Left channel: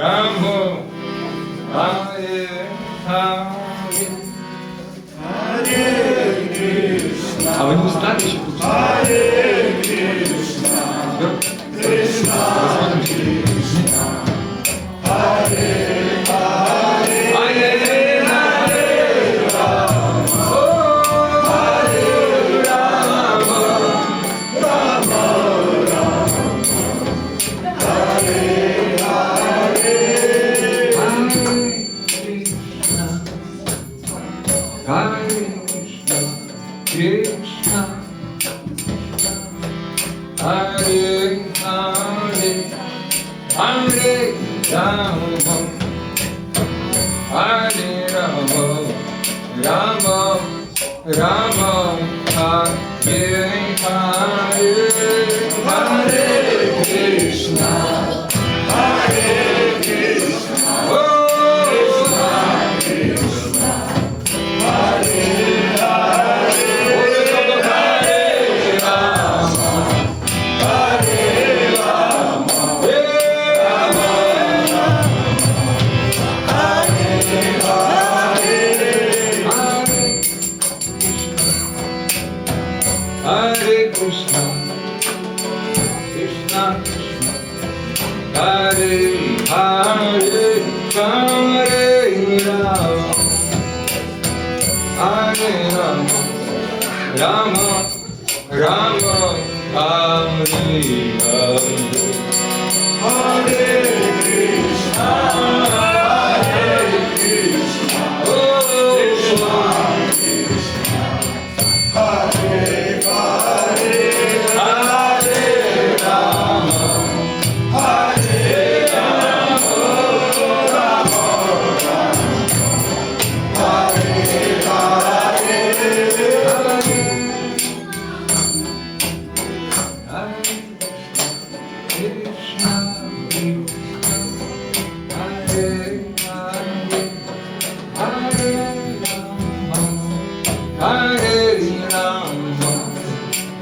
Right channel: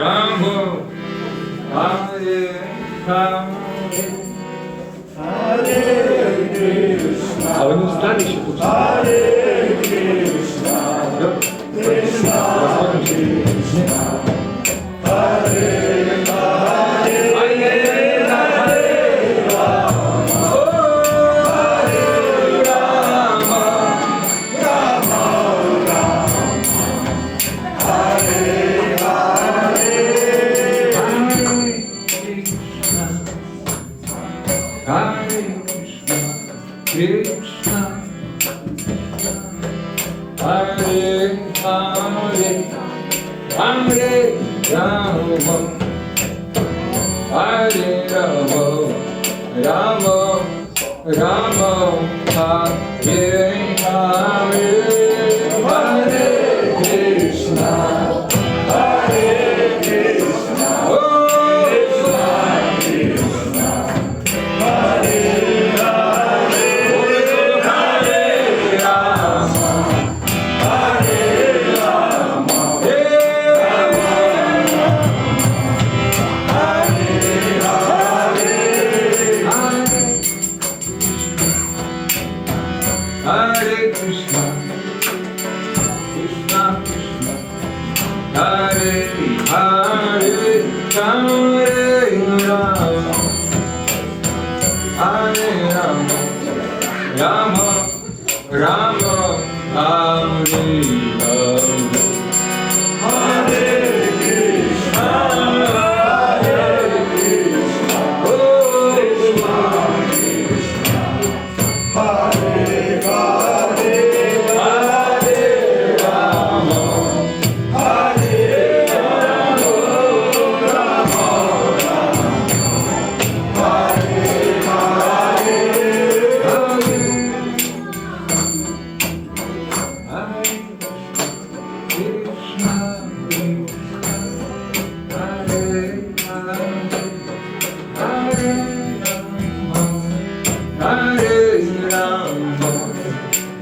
Rama, Hare Hare, Hare Krishna. А вы не устали еще? Hare Krishna, Krishna Krishna, Hare Hare, Hare Hare Rama, Hare Rama, Rama Rama, Hare Hare, Hare Krishna, Krishna, Hare Hare, Hare Rama, Hare Rama, Rama Rama, Hare Hare, Hare Krishna, Hare Krishna, Krishna Krishna, Hare Hare, Hare Rama, Hare Rama, Hare Krishna, Krishna Krishna, Hare Hare, Hare Rama, Hare Rama, Rama Rama, Hare Hare. Hare Krishna, Hare Krishna, Krishna Krishna, Hare Hare, Hare Rama, Hare Rama, Rama Rama, Hare Hare, Krishna Hare Hare, Hare Rama, Hare Rama,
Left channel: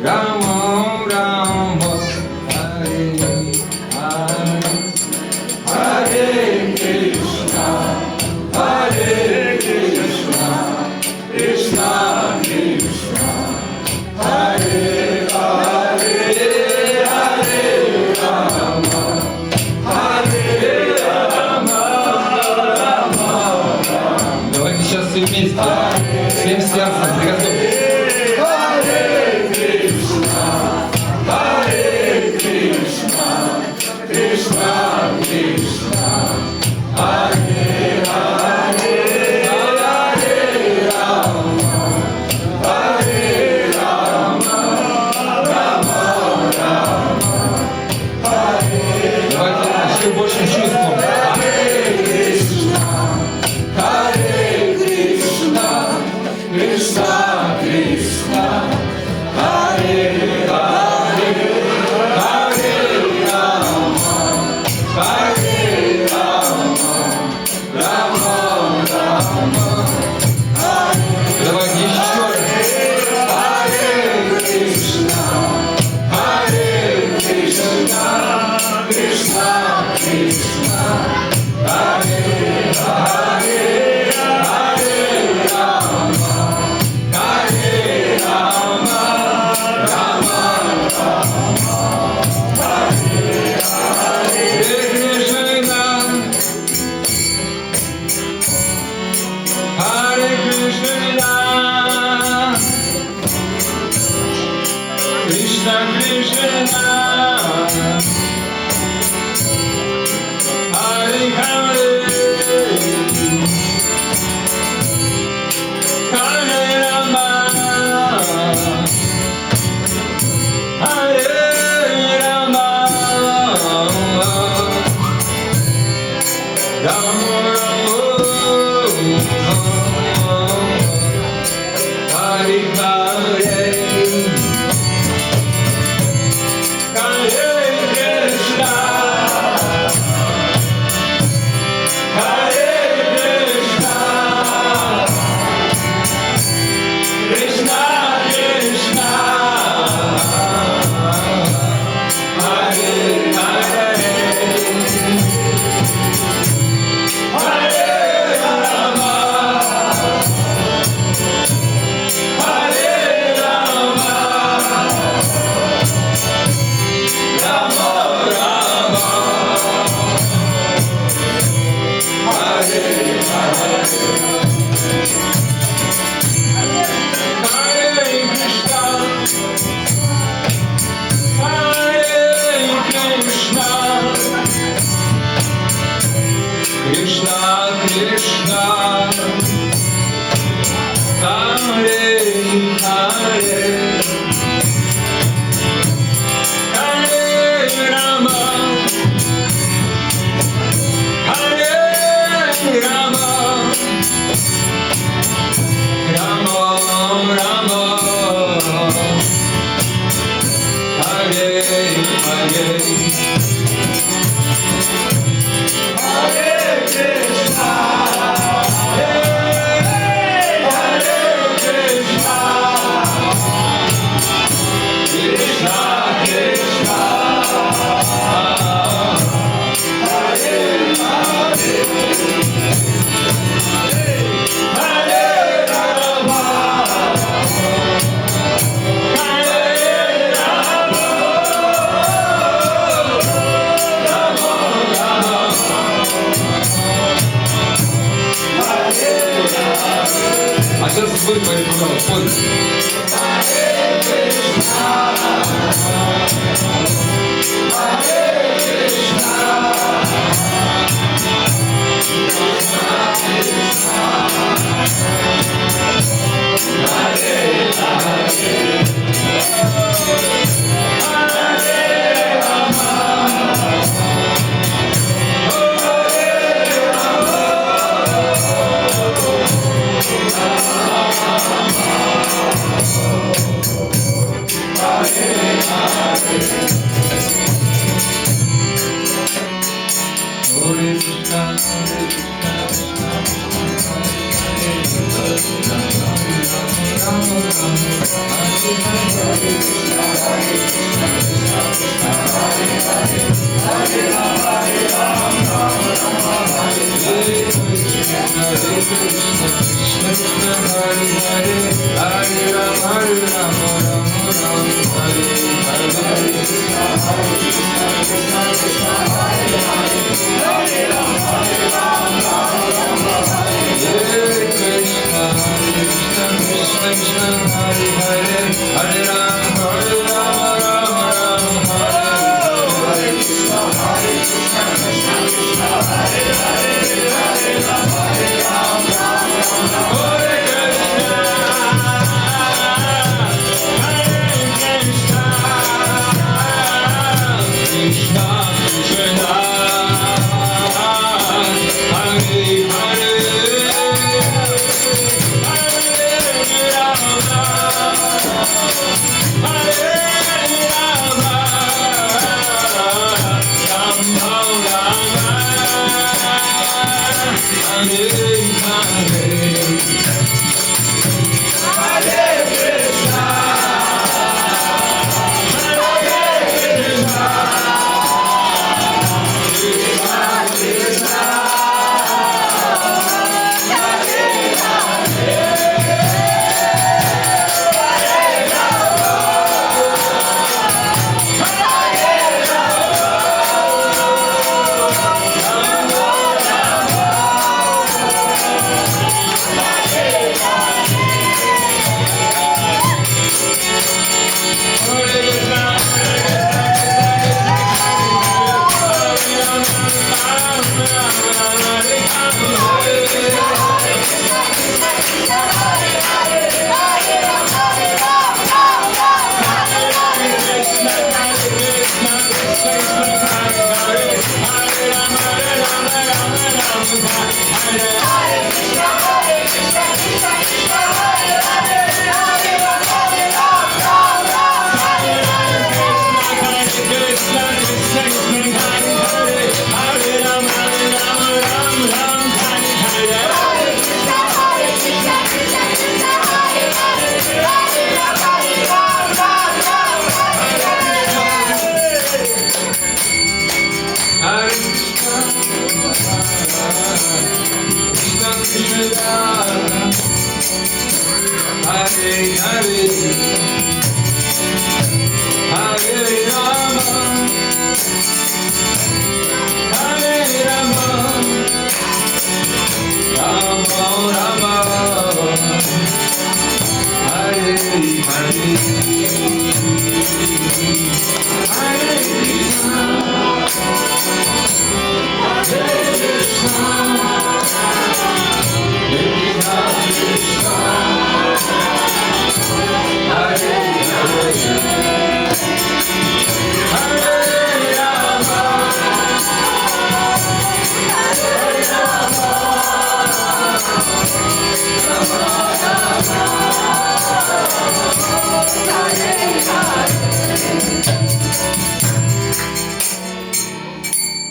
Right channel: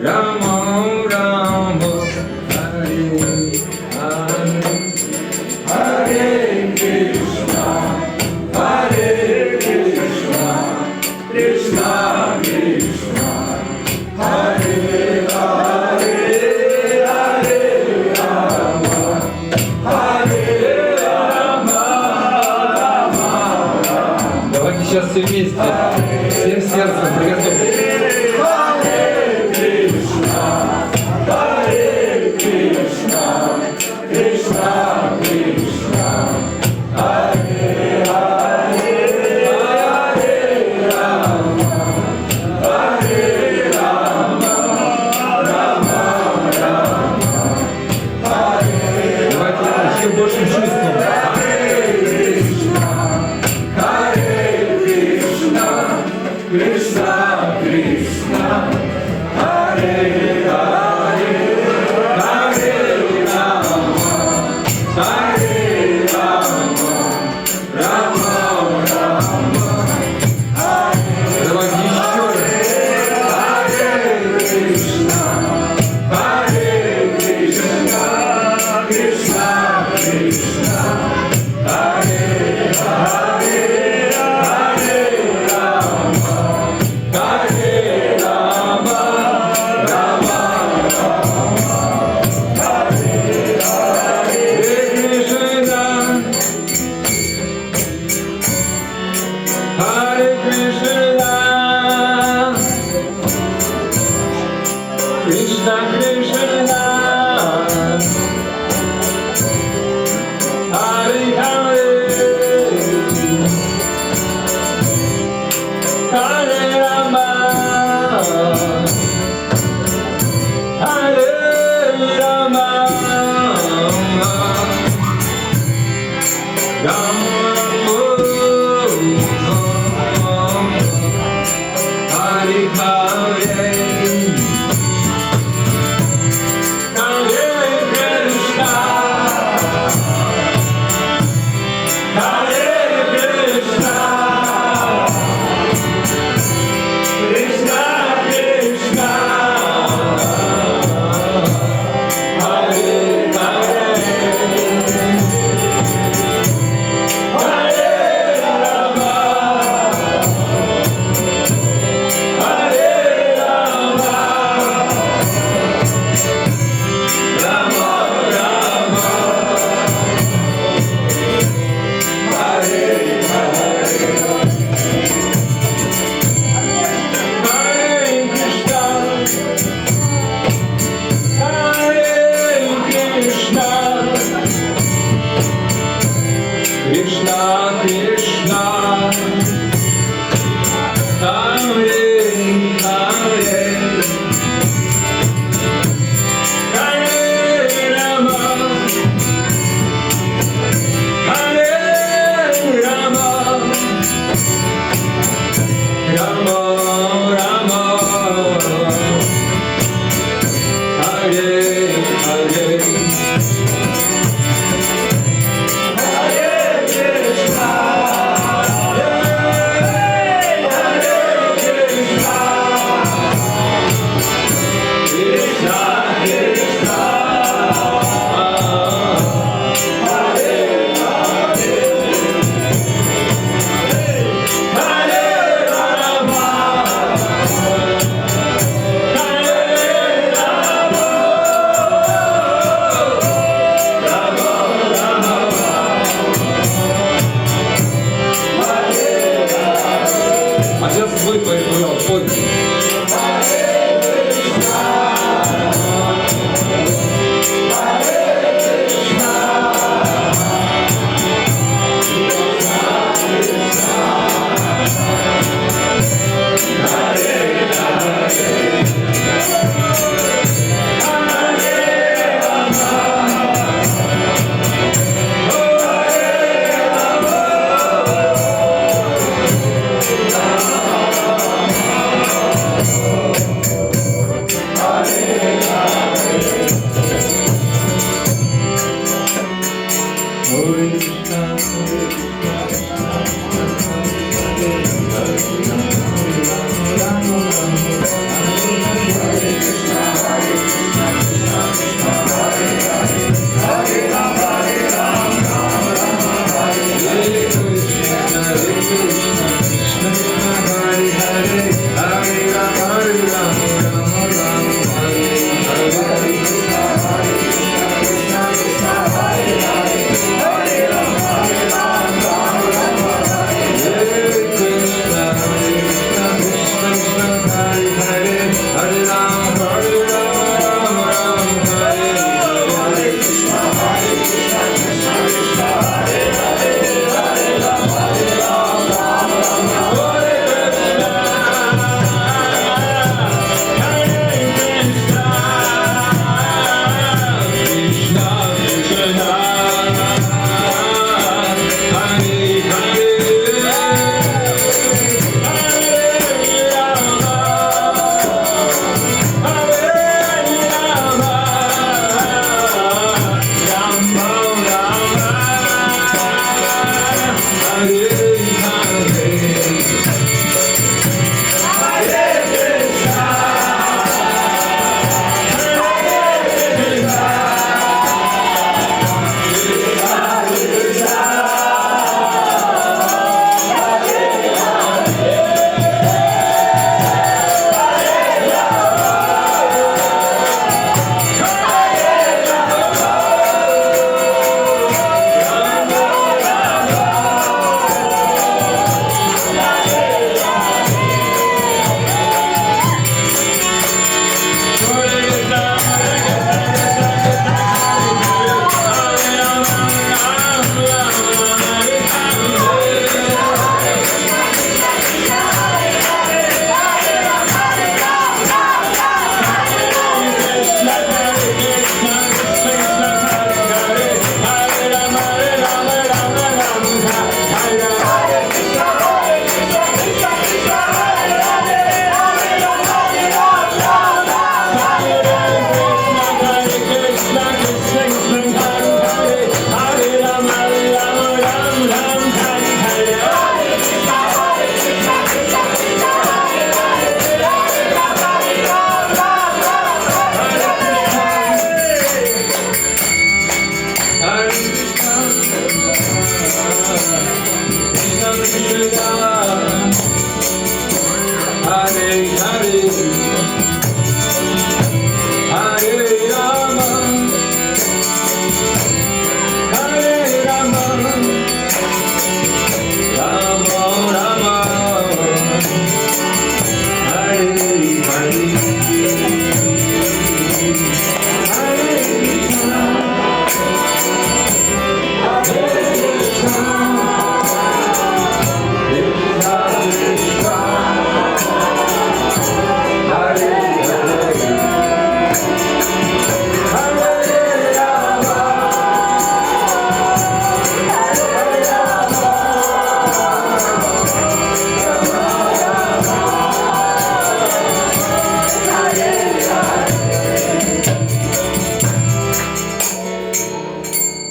Rama Rama, Hare Hare, Hare Krishna, Hare Krishna, Krishna Krishna, Hare Hare, Hare Rama, Hare Rama, Rama Rama. Давайте сейчас все вместе, всем сердцем приготовьтесь. Hare Krishna, Hare Krishna, Krishna Krishna, Hare Hare, Hare Rama, Hare Rama, Rama Rama, Hare. Давайте еще большим чувством. Hare Krishna, Hare Krishna, Krishna Krishna, Hare Hare, Hare Rama, Hare Rama, Rama Rama, Hare. Давайте еще раз. Hare Krishna, Hare Krishna, Krishna Krishna, Пой, пой, пой, пой.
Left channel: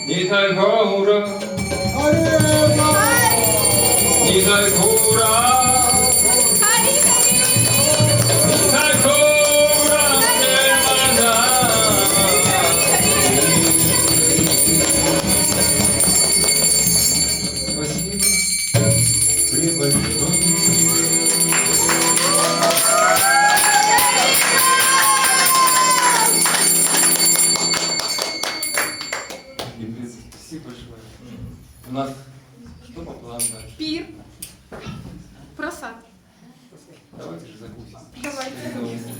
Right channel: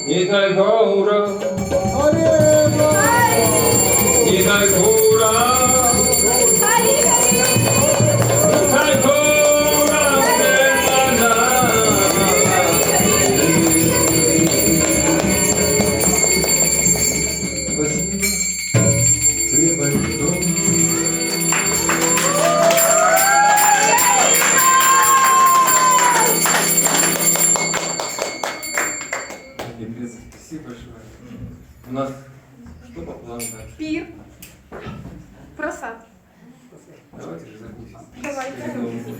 Nitai Gaura, Nitai Gaura, Nitai Gaura, Спасибо, преподобный. Спасибо большое. У нас что по плану дальше? Пир. Просад. Давайте же закусим. Давайте.